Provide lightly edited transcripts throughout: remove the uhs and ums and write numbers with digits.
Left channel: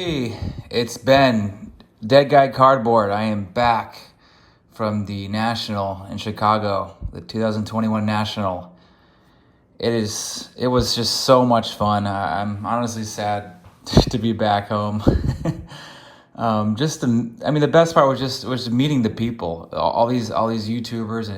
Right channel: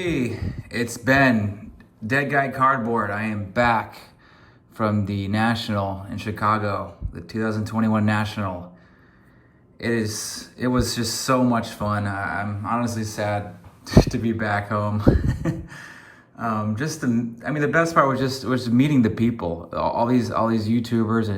Hey, it's Ben, Dead Guy Cardboard. I am back from the National in Chicago, the 2021 National. It was just so much fun. I'm honestly sad to be back home. The best part was meeting the people, all these YouTubers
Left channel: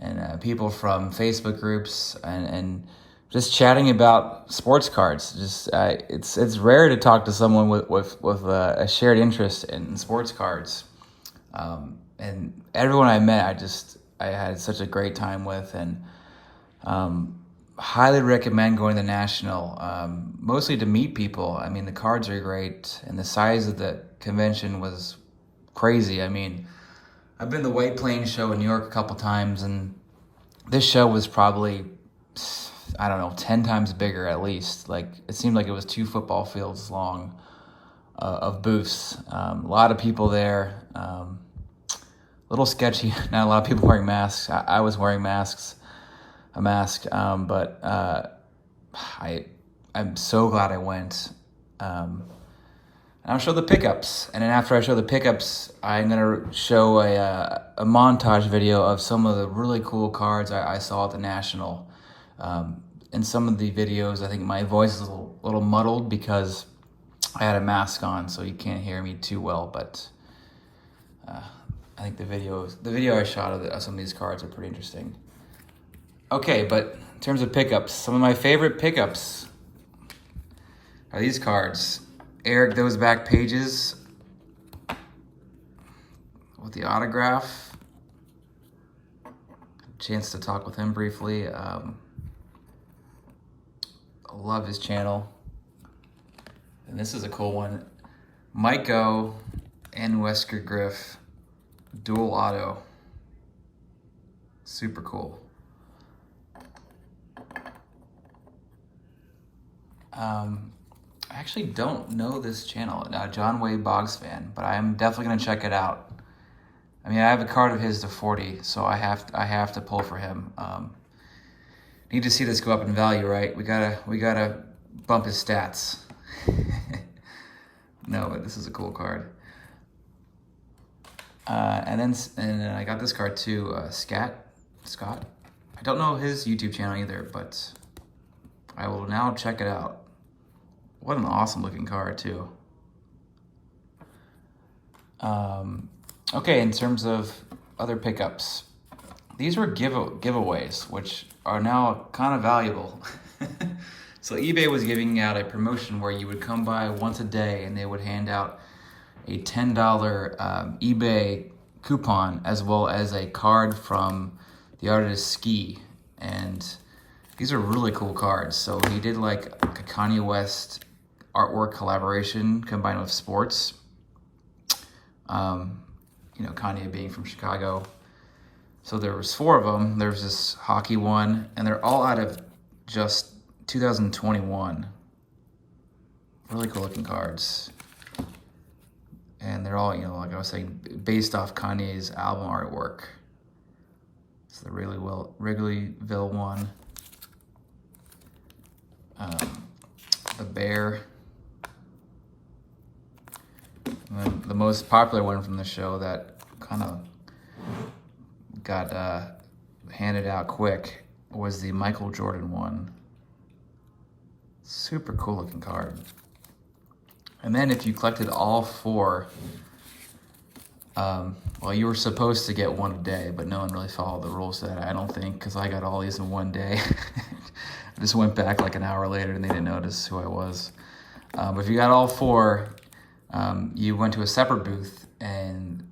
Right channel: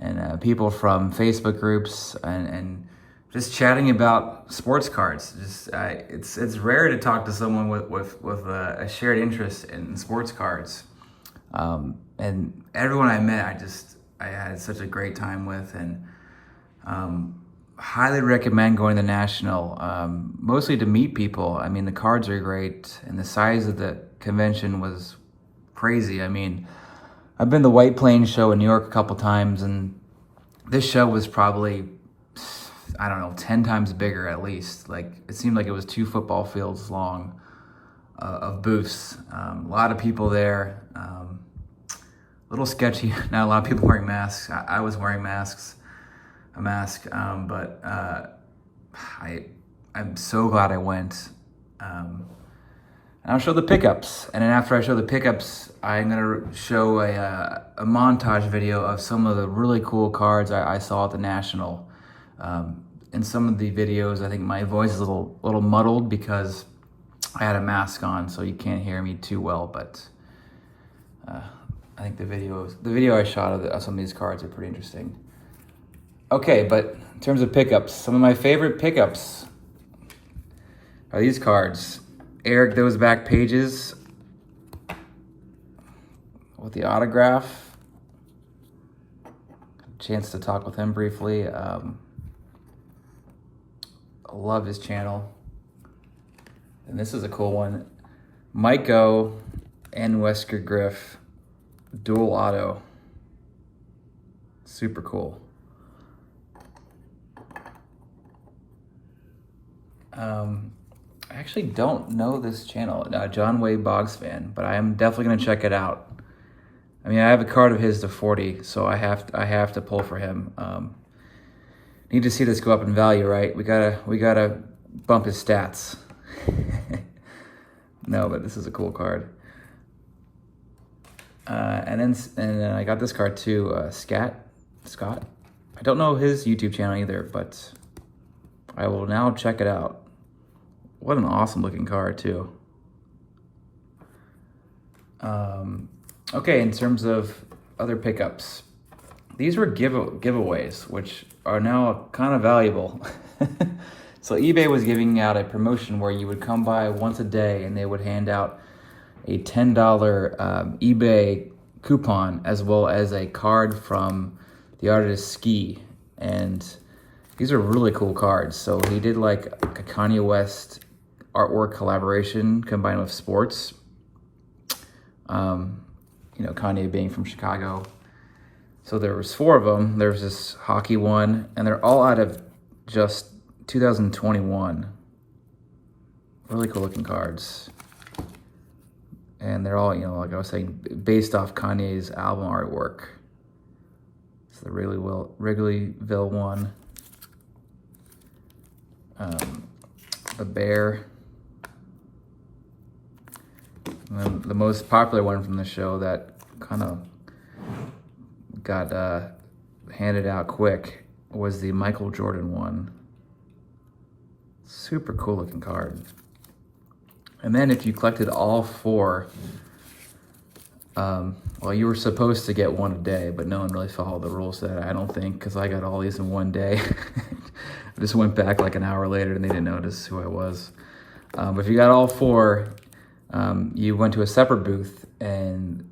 and people from Facebook groups and just chatting about sports cards. It's rare to talk to someone with a shared interest in sports cards. And everyone I met, I had such a great time with, and highly recommend going to the National, mostly to meet people. I mean, the cards are great, and the size of the convention was crazy. I mean, I've been to the White Plains show in New York a couple times, and this show was probably, I don't know, 10 times bigger at least. Like, it seemed like it was 2 football fields long of booths. A lot of people there. A little sketchy. Not a lot of people wearing masks. I was wearing a mask, but I'm so glad I went. And I'll show the pickups, and then after I show the pickups, I'm gonna show a montage video of some of the really cool cards I saw at the National. In some of the videos, I think my voice is a little muddled because I had a mask on, so you can't hear me too well. But I think the video I shot of some of these cards are pretty interesting. Okay, but in terms of pickups, some of my favorite pickups are these cards. Eric Those Back Pages with the autograph. Chance to talk with him briefly. I love his channel. And this is a cool one. Mike O and Wesker Griff dual auto. Super cool. I actually don't know this channel, John Way Boggs fan, but I am definitely gonna check it out. I mean, I have a card of his to 40, so I have to pull for him. Need to see this go up in value, right? We gotta bump his stats. No, but this is a cool card. And then I got this card too, Scott. I don't know his YouTube channel either, but I will now check it out. What an awesome looking card too. Okay, in terms of other pickups, these were giveaways, which are now kind of valuable. So eBay was giving out a promotion where you would come by once a day and they would hand out a $10 eBay coupon as well as a card from the artist Ski. And these are really cool cards. So he did like a Kanye West artwork collaboration combined with sports. Kanye being from Chicago. So there was 4 of them. There's this hockey one, and they're all out of just 2021. Really cool looking cards. And they're all, like I was saying, based off Kanye's album artwork. It's the Wrigleyville one. The bear. And then the most popular one from the show that kind of got handed out quick was the Michael Jordan one. Super cool looking card. And then if you collected all 4, you were supposed to get one a day, but no one really followed the rules to that, I don't think, because I got all these in one day. I just went back like an hour later and they didn't notice who I was. But if you got all 4, you went to a separate booth and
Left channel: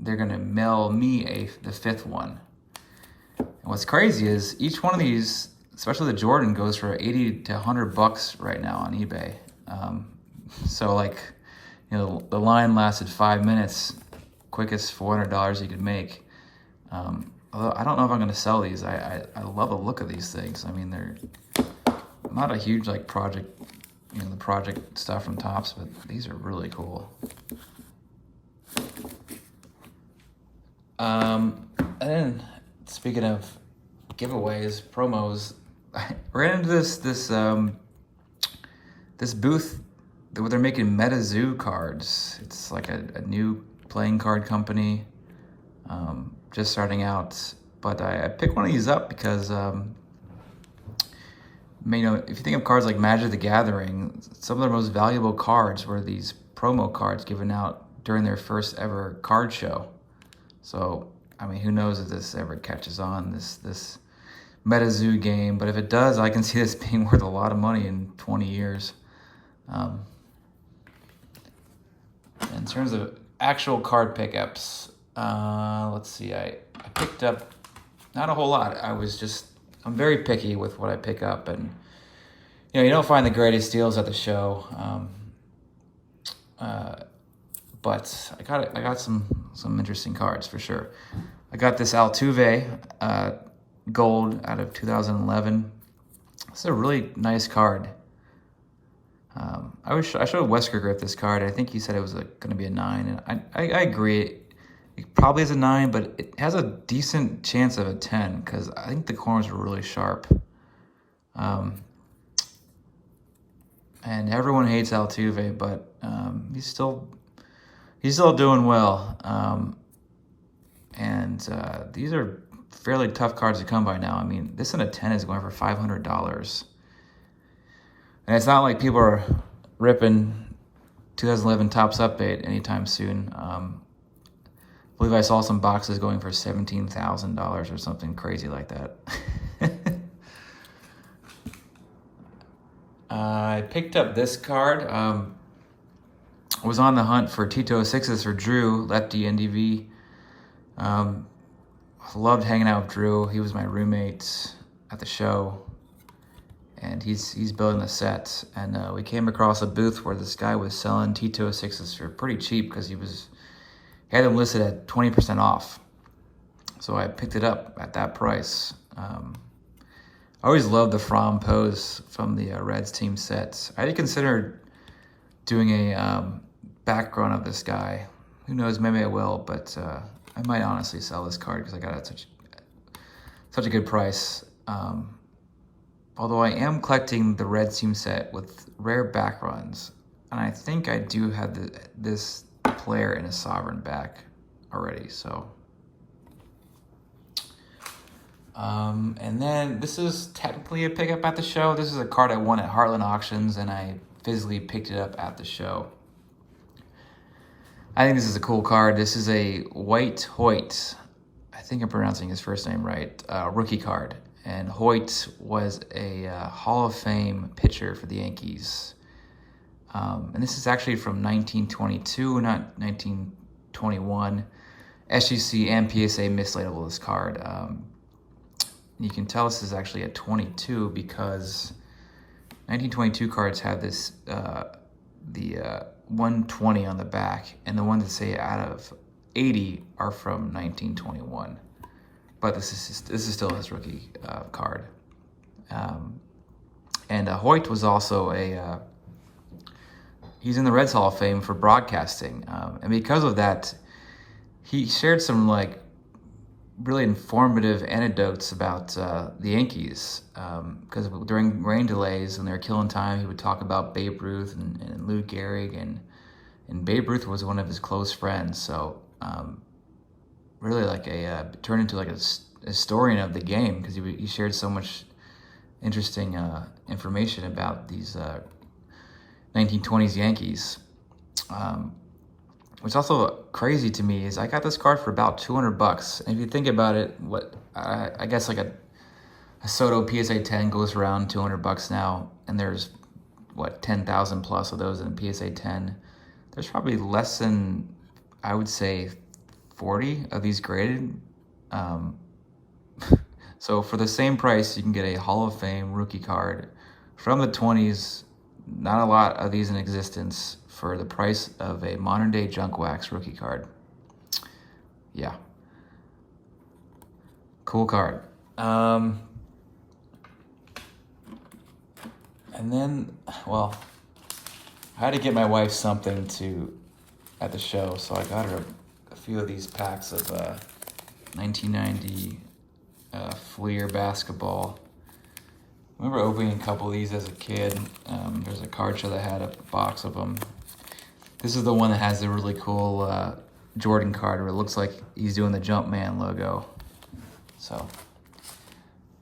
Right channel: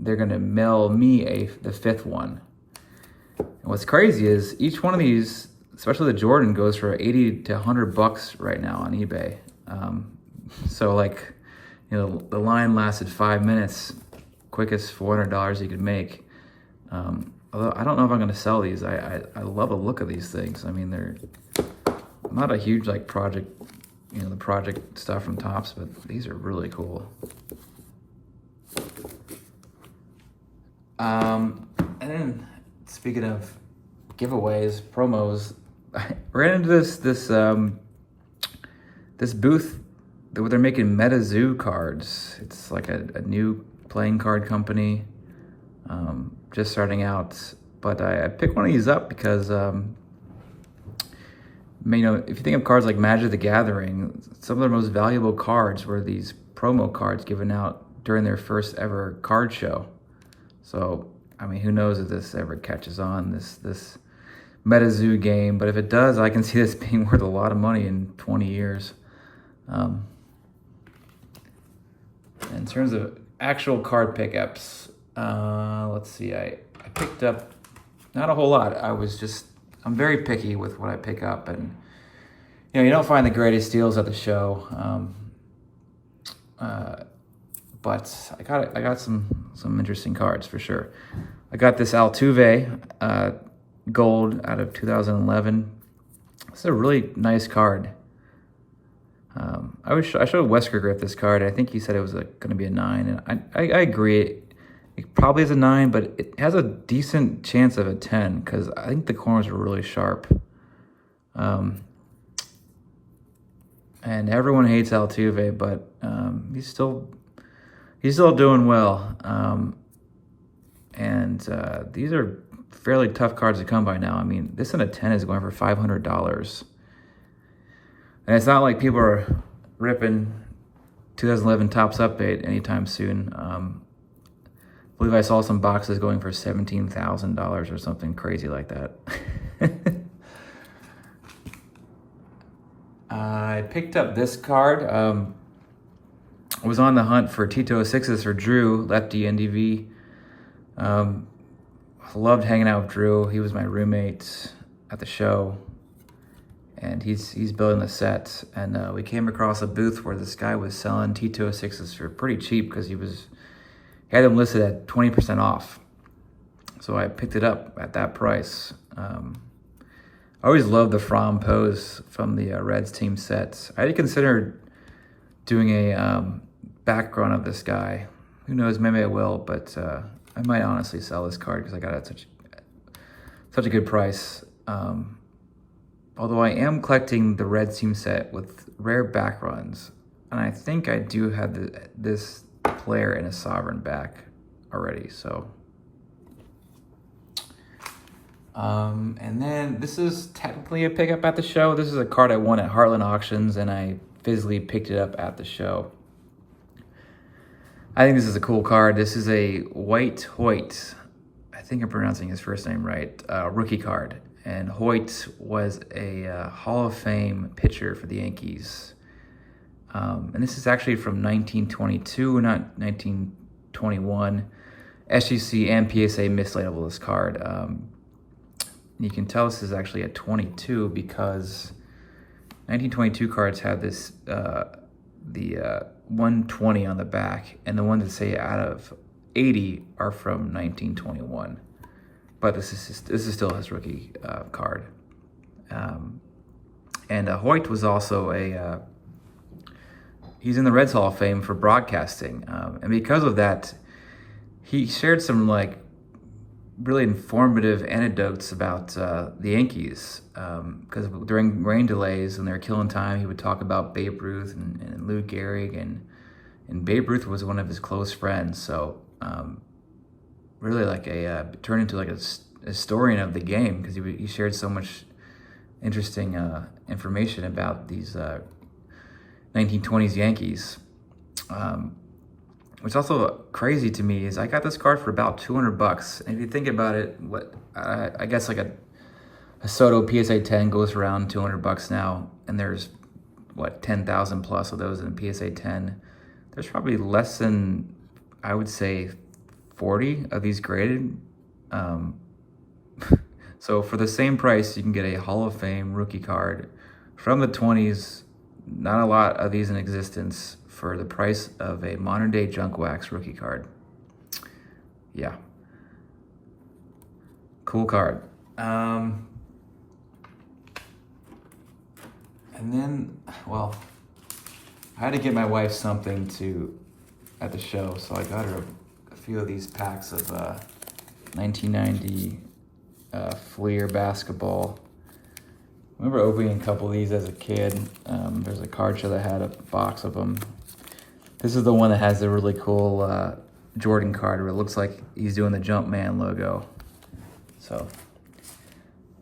they're gonna mail me the 5th one. And what's crazy is each one of these, especially the Jordan, goes for 80 to 100 bucks right now on eBay. So the line lasted 5 minutes, quickest $400 you could make. Although I don't know if I'm gonna sell these. I love the look of these things. I mean, they're not a huge like project, the project stuff from Topps, but these are really cool. And then speaking of giveaways, promos, I ran into this booth they're making MetaZoo cards. It's like a new playing card company, just starting out. But I picked one of these up because, you know, if you think of cards like Magic the Gathering, some of their most valuable cards were these promo cards given out during their first ever card show. So, I mean, who knows if this ever catches on, this MetaZoo game. But if it does, I can see this being worth a lot of money in 20 years. In terms of actual card pickups, let's see, I picked up not a whole lot. I'm very picky with what I pick up, and you know, you don't find the greatest deals at the show. But I got some interesting cards for sure. I got this Altuve gold out of 2011. It's a really nice card. I showed Wesker Griff this card. I think he said it was going to be a 9, and I agree. It probably is a 9, but it has a decent chance of a 10 because I think the corners are really sharp. And everyone hates Altuve, but he's still doing well. These are fairly tough cards to come by now. I mean, this in a 10 is going for $500. And it's not like people are ripping 2011 Topps Update anytime soon. I believe I saw some boxes going for $17,000 or something crazy like that. I picked up this card. I was on the hunt for Tito 6s for Drew, lefty NDV. Loved hanging out with Drew. He was my roommate at the show, and he's building the set. And we came across a booth where this guy was selling Tito 6s for pretty cheap because he had them listed at 20% off. So I picked it up at that price. I always loved the Fromm pose from the Reds team sets. I had considered doing a background of this guy. Who knows, maybe I will, but I might honestly sell this card because I got it at such a good price. Although I am collecting the Reds team set with rare back runs, and I think I do have this player in a sovereign back already, so. And then this is technically a pickup at the show. This is a card I won at Heartland Auctions, and I physically picked it up at the show. I think this is a cool card. This is a White Hoyt. I think I'm pronouncing his first name right. Rookie card. And Hoyt was a Hall of Fame pitcher for the Yankees. And this is actually from 1922, not 1921. SGC and PSA mislabeled this card. You can tell this is actually a 22 because 1922 cards have this the 120 on the back, and the ones that say out of 80 are from 1921. But this is still his rookie card. And Hoyt was also he's in the Reds Hall of Fame for broadcasting, and because of that, he shared some like really informative anecdotes about the Yankees, because during rain delays when they were killing time, he would talk about Babe Ruth and Lou Gehrig, and Babe Ruth was one of his close friends. So really like turned into like a historian of the game because he shared so much interesting information about these 1920s Yankees. What's also crazy to me is I got this card for about $200. And if you think about it, I guess like a Soto PSA 10 goes around $200 now, and there's 10,000 plus of those in the PSA 10. There's probably less than, I would say, 40 of these graded. So for the same price, you can get a Hall of Fame rookie card from the 20s. Not a lot of these in existence for the price of a modern day junk wax rookie card. Yeah. Cool card. And then, well, I had to get my wife something at the show, so I got her a few of these packs of 1990 Fleer basketball. I remember opening a couple of these as a kid. There's a card show that had a box of them. This is the one that has the really cool Jordan card where it looks like he's doing the Jumpman logo. So,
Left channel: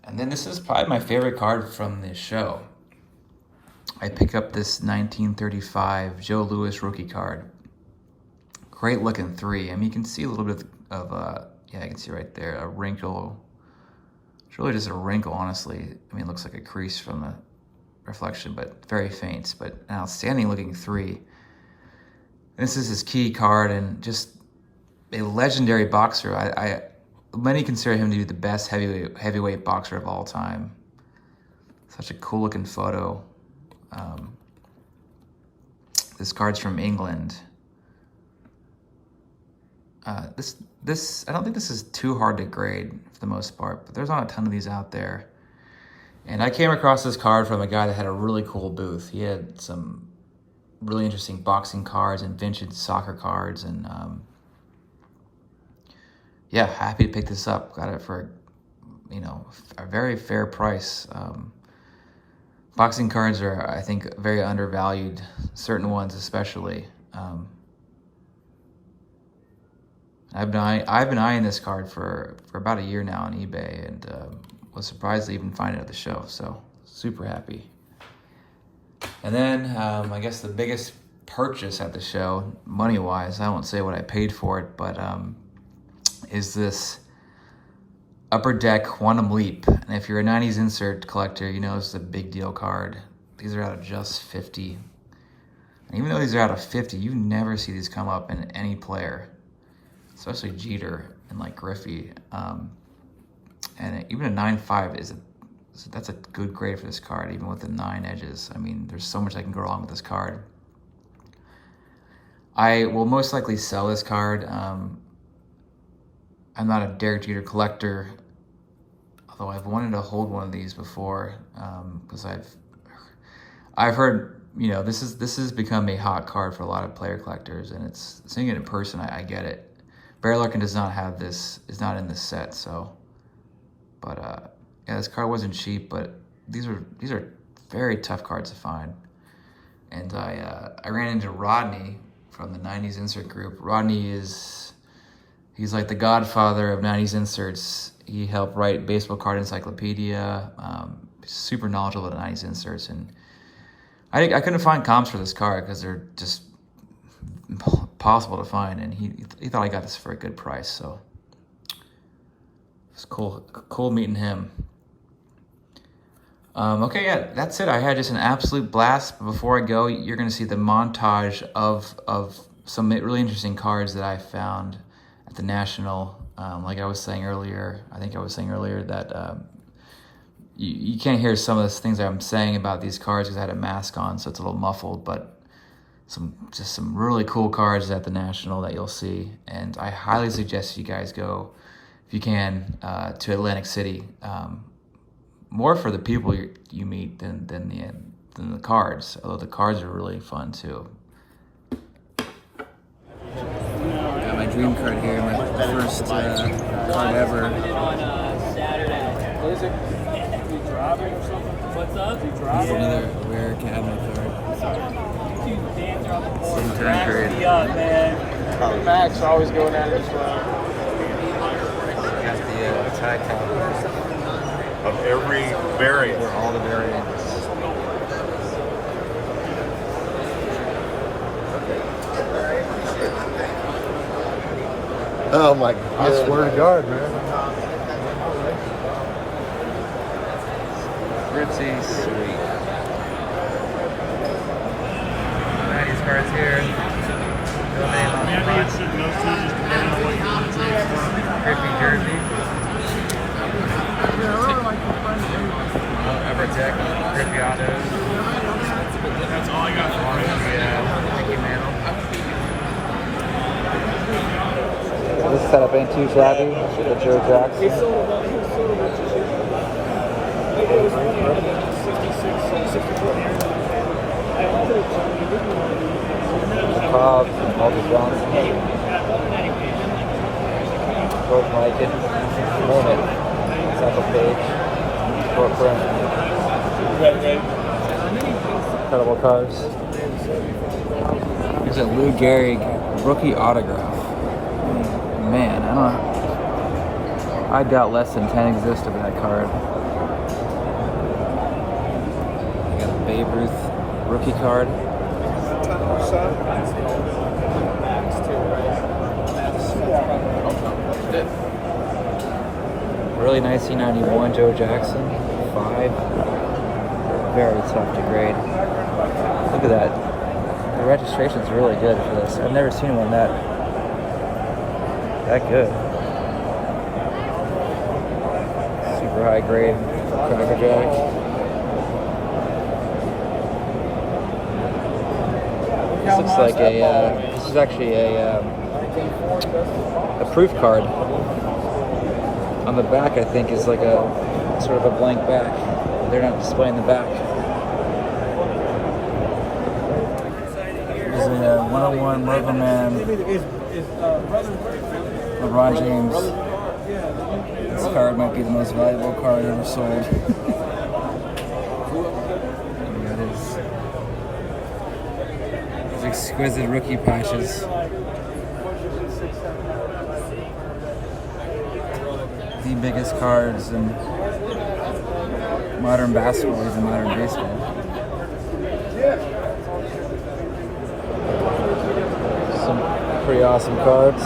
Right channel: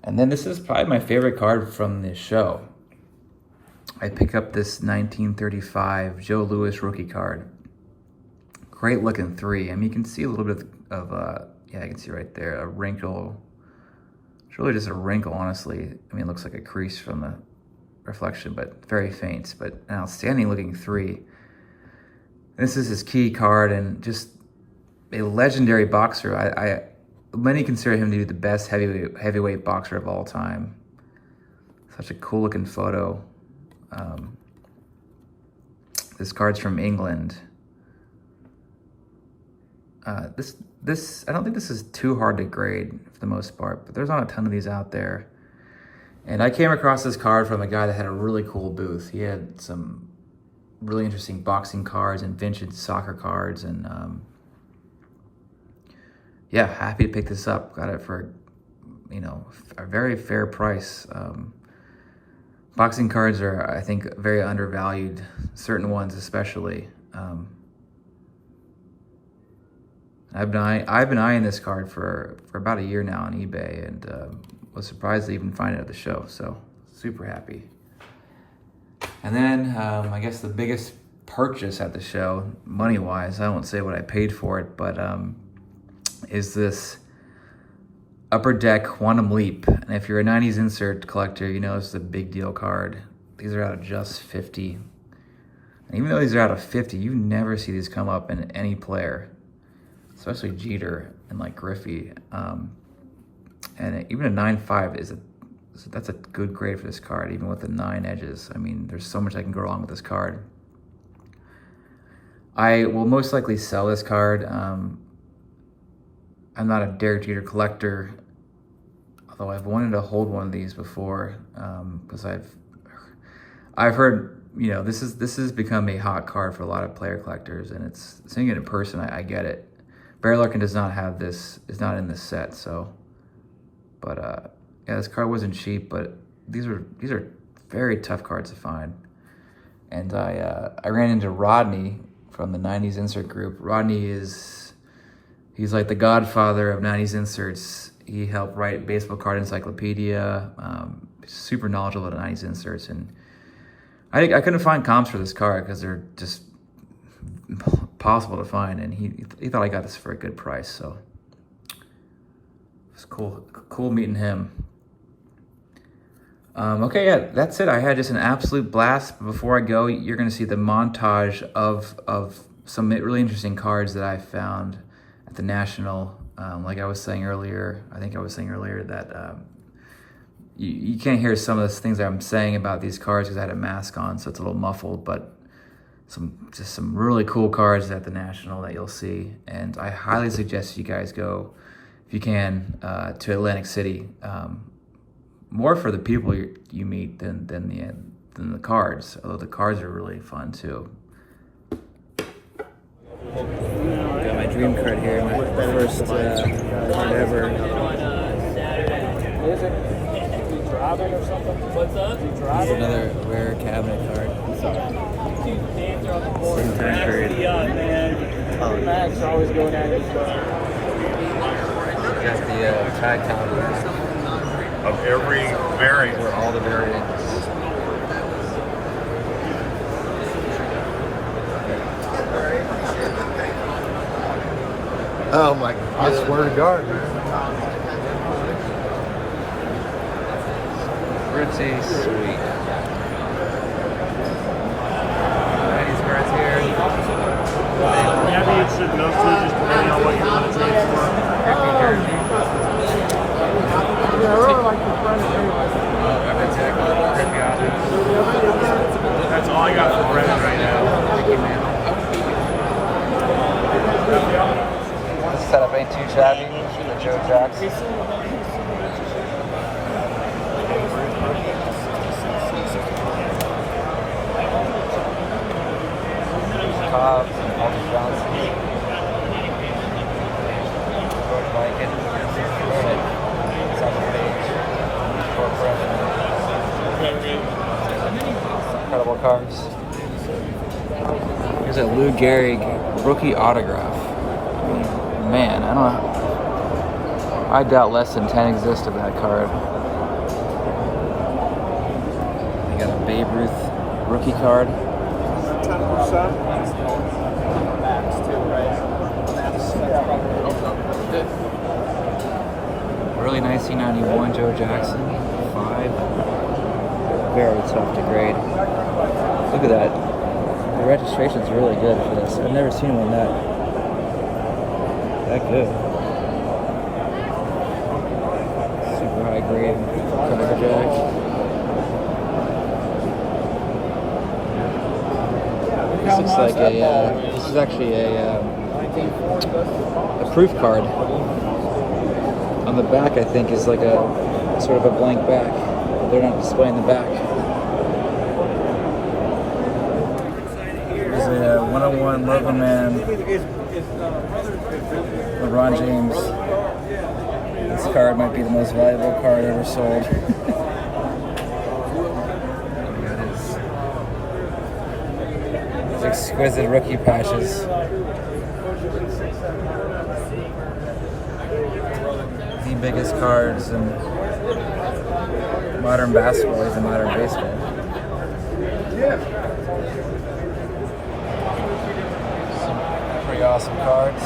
and then this is probably my favorite card from this show. I pick up this 1935 Joe Louis rookie card. Great looking 3. I mean, you can see a little bit of, yeah, I can see right there, a wrinkle. It's really just a wrinkle, honestly. I mean, it looks like a crease from the reflection, but very faint. But an outstanding looking 3. This is his key card and just a legendary boxer. Many consider him to be the best heavyweight boxer of all time. Such a cool looking photo. This card's from England. This I don't think this is too hard to grade for the most part, but there's not a ton of these out there. And I came across this card from a guy that had a really cool booth. He had some really interesting boxing cards and vintage soccer cards, and yeah, happy to pick this up. Got it for, you know, a very fair price. Boxing cards are, I think, very undervalued, certain ones especially. I've been eyeing this card for about a year now on eBay, and was surprised to even find it at the show, so super happy. And then I guess the biggest purchase at the show, money-wise, I won't say what I paid for it, but is this Upper Deck Quantum Leap. And if you're a 90s insert collector, you know this is a big deal card. These are out of just 50. And even though these are out of 50, you never see these come up in any player, especially Jeter and like Griffey. And even a 9.5 that's a good grade for this card, even with the 9 edges. I mean, there's so much that can go wrong with this card. I will most likely sell this card. I'm not a Derek Jeter collector, although I've wanted to hold one of these before, because I've heard, you know, this has become a hot card for a lot of player collectors, and it's seeing it in person, I get it. Barry Larkin does not have this, is not in this set, so, but yeah, this card wasn't cheap, but these are very tough cards to find. And I ran into Rodney from the 90s insert group. Rodney he's like the godfather of 90s inserts. He helped write Baseball Card Encyclopedia, super knowledgeable about 90s inserts. And I couldn't find comps for this card because they're just impossible to find. And he thought I got this for a good price, so it's cool meeting him. Okay, yeah, that's it. I had just an absolute blast. Before I go, you're going to see the montage of some really interesting cards that I found at the National. Like I was saying earlier, that you can't hear some of the things that I'm saying about these cards because I had a mask on, so it's a little muffled, but just some really cool cards at the National that you'll see. And I highly suggest you guys go, if you can, to Atlantic City. More for the people you meet than the cards, although the cards are really fun too. Got my dream card here, my first card ever. This is another rare cabinet card. Same turn period. Max always going at it. Got the Ty Cowboys. Of every variant. Or all the variants. Oh my God. I swear to God, man. Pretty sweet. 90s cards here. Maybe it should go through just depending on what you want to trade for. Griffey jersey. Upper Deck, Griffey auto. That's all I got for Brett. Mickey Mantle. This is a big t-shirt I do. That Joe Jonas. Couple cards. There's a Lou Gehrig rookie autograph. Man, I don't know. I doubt less than 10 exist of that card. Got a Babe Ruth rookie card. 10%. Early 1991 Joe Jackson, 5. Very tough to grade. Look at that. The registration's really good for this. I've never seen one that good. Super high grade Cracker This looks like this is actually a proof card. On the back, I think, is like a sort of a blank back. They're not displaying the back. There's a 101 Logo Man, LeBron James. This card might be the most valuable card ever sold. Got his exquisite rookie patches. The biggest cards in modern basketball, even modern baseball. Some pretty awesome cards.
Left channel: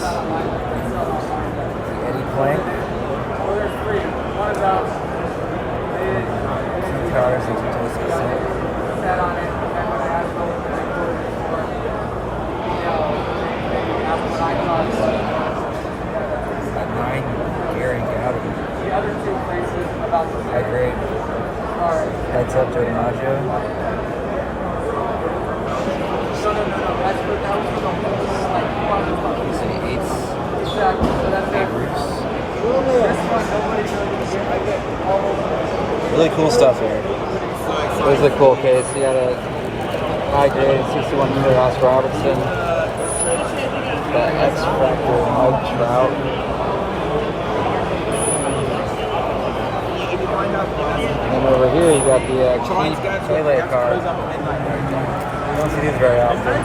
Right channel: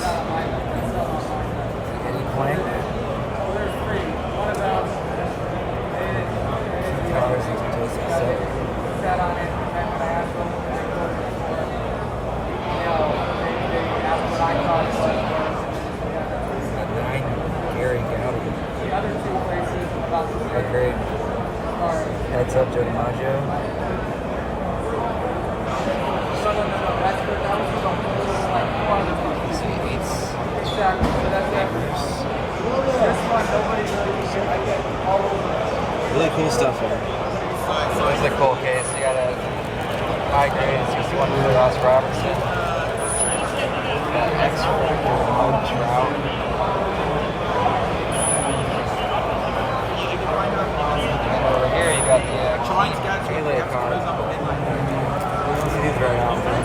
Eddie Plank. Cards into this set. At 9. Gary Gowdy. High grade. Heads up to DiMaggio. Eights. Babe Ruth. Really cool stuff here. There's a cool case here. That high grade. It's just one Ross Robinson. That X Trout. And over here you got the Pele card. You don't see these very often.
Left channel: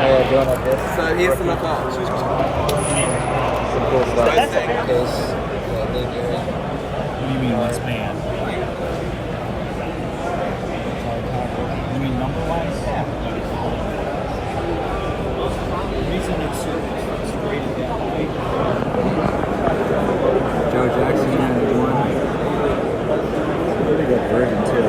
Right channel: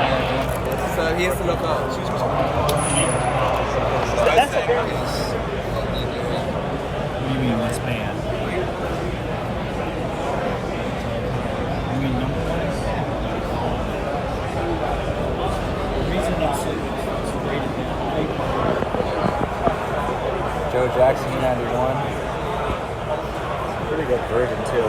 Maradona disc. So here's some of Some cool stuff. Case. What do you mean, less man? You mean number-wise? The reason it's rated that way. Joe Jackson, 91. It's a pretty good version, too.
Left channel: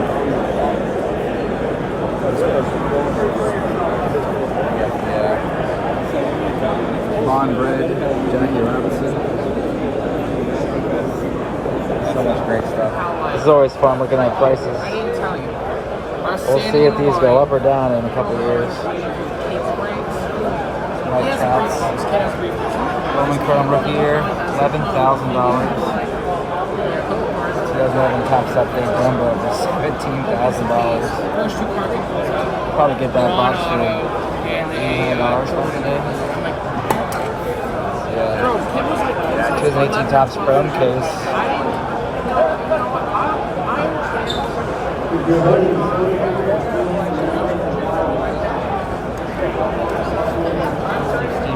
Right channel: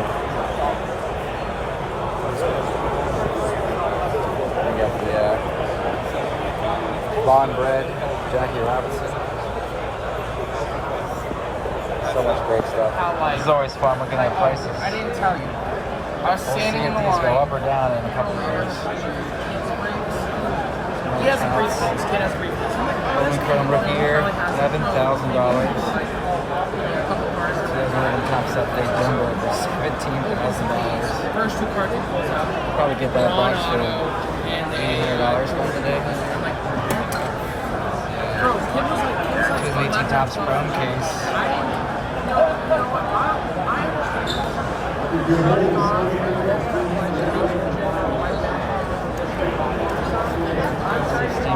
Blonde Bread, Jackie Robinson. That's great stuff. It's always fun looking at prices. I didn't tell you. We'll see if these go up or down in a couple of years. Roman Chrome rookie year, $11,000. 2011 Top Step Day Jumbo for $17,000. Probably get that box for $800 today. Yeah. 2018 Topps Chrome case.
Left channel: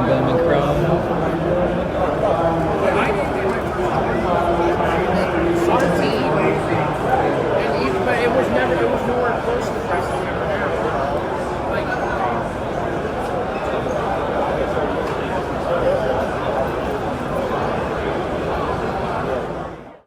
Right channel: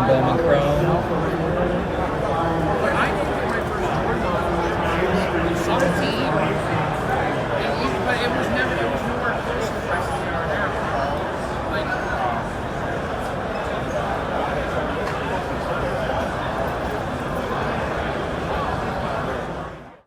Bowman Chrome. 17. But it was nowhere close to the price.